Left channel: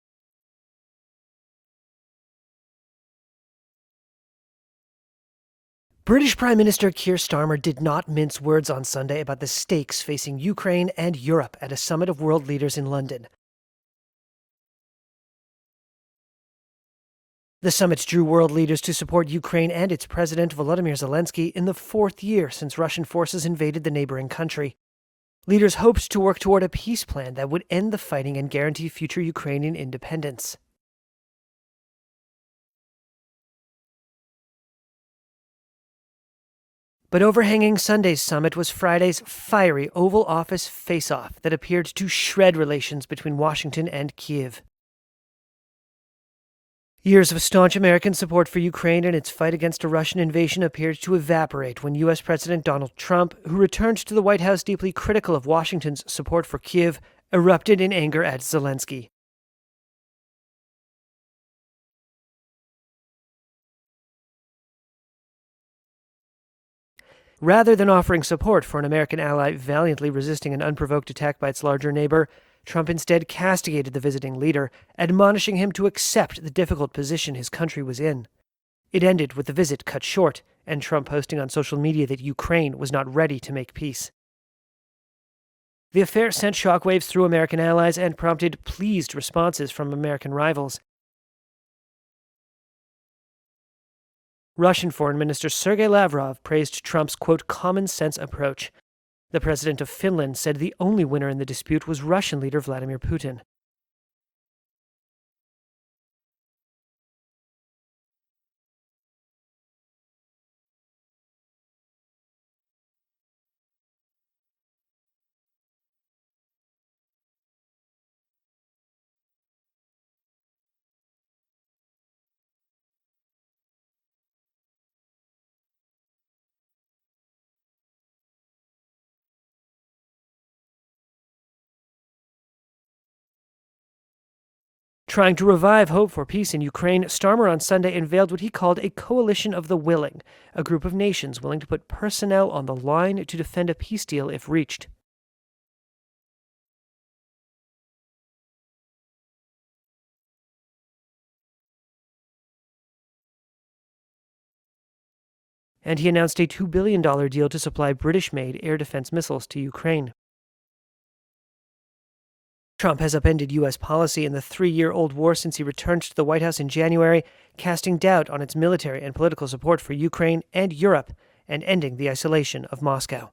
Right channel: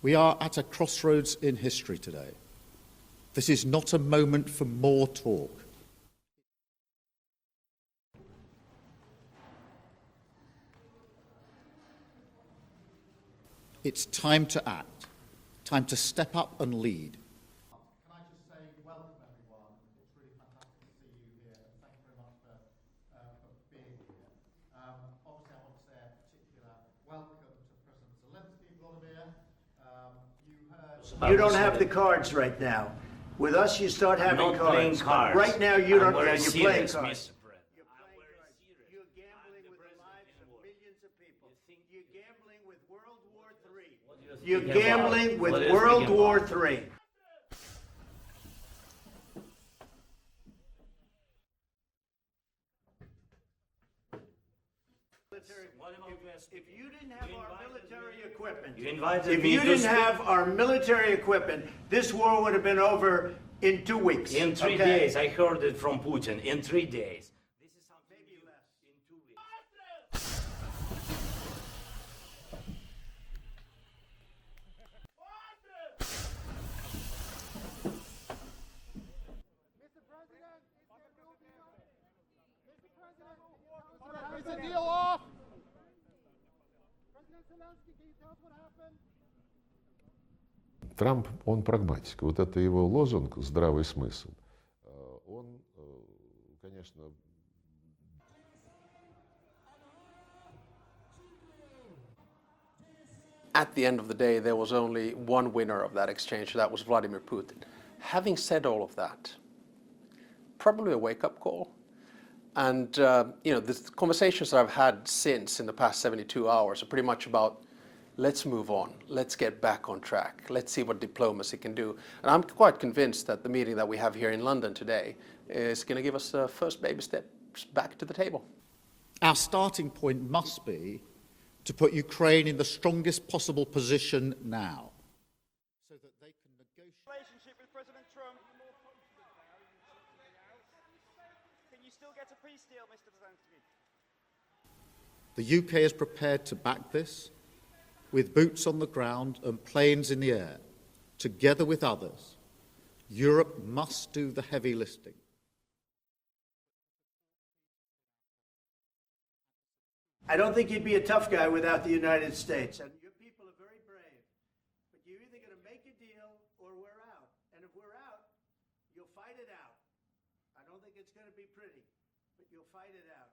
We are at a crossroads in history today. This is not a moment for more talk. British Prime Minister Keir Starmer did not mince words on Sunday about the stakes facing Ukraine and Europe at a summit of world leaders in London. It's time to act, time to step up and lead. The summit drew world leaders to support Ukraine and its president, Volodymyr Zelenskiy, in the fourth year since Russian forces invaded the neighboring country. Leaders hoped to work toward a peace plan that would end the fighting and guarantee future Ukrainian independence. You don't have the cards right now. With us, you start having cards. Right now, you don't. You're playing cards. But overhanging Sunday's summit was Friday's fiery Oval Office face-off that appeared to shred relations between Washington and Kyiv. You're gambling with World War III. Years of staunch American support for Ukraine and its fight against a Russian invasion appeared to evaporate when U.S. President Donald Trump, who returned to the White House deeply critical of Washington's support for Kyiv, erupted in anger at Zelensky. If you didn't have our military equipment, this war would have been over in 2 weeks. In 3 days. I heard it from Putin. In 3 days. Rather than offering support for an American ally valiantly resisting an unprovoked attack by its larger neighbor, Trump instead castigated the visiting leader, admonishing him to accept the difficult position his country was in. It ended with the visit cut short, and Trump posting on social media that Ukraine was not ready to make peace. The affair sent shockwaves through American allies and prompted pleased responses from American rivals. Трамп, он прагматик. Вот это его лозунг «здравый смысл». Russian Foreign Minister Sergei Lavrov praised Trump's, quote, common-sense approach. The president of Finland said the only winner in the dispute was Russian leader Vladimir Putin. At the end of the day, there was only one winner of that exchange, that was Vladimir Putin. Having said all of that, probably a wake-up call. And, the conversations that I've had since in the past 72 hours are pretty much about, let's move on, let's get back on track, let's see what diplomacy can do. And I'm quite convinced that the meeting that we have here in London today is going to give us the first baby steps back to the table. Our starting point must be to put Ukraine in the strongest possible position now. Trying to revive hope for peace in Ukraine, Starmer on Sunday unveiled what he called a coalition of the willing, a group of nations willing to put personnel on the line to defend a peace deal if reached. The UK is prepared to back this, with boots on the ground and planes in the air. Together with others, Europe must do the heavy lifting. And he announced a $2 billion deal to supply British-made air defense missiles to Ukraine. I don't think you'd be a tough guy without the United States. Trump has upended U.S. policy in the 3-year-old war since he returned to the White House in January, casting doubt on its military and political support for Ukraine and Europe, and ending the isolation of Moscow.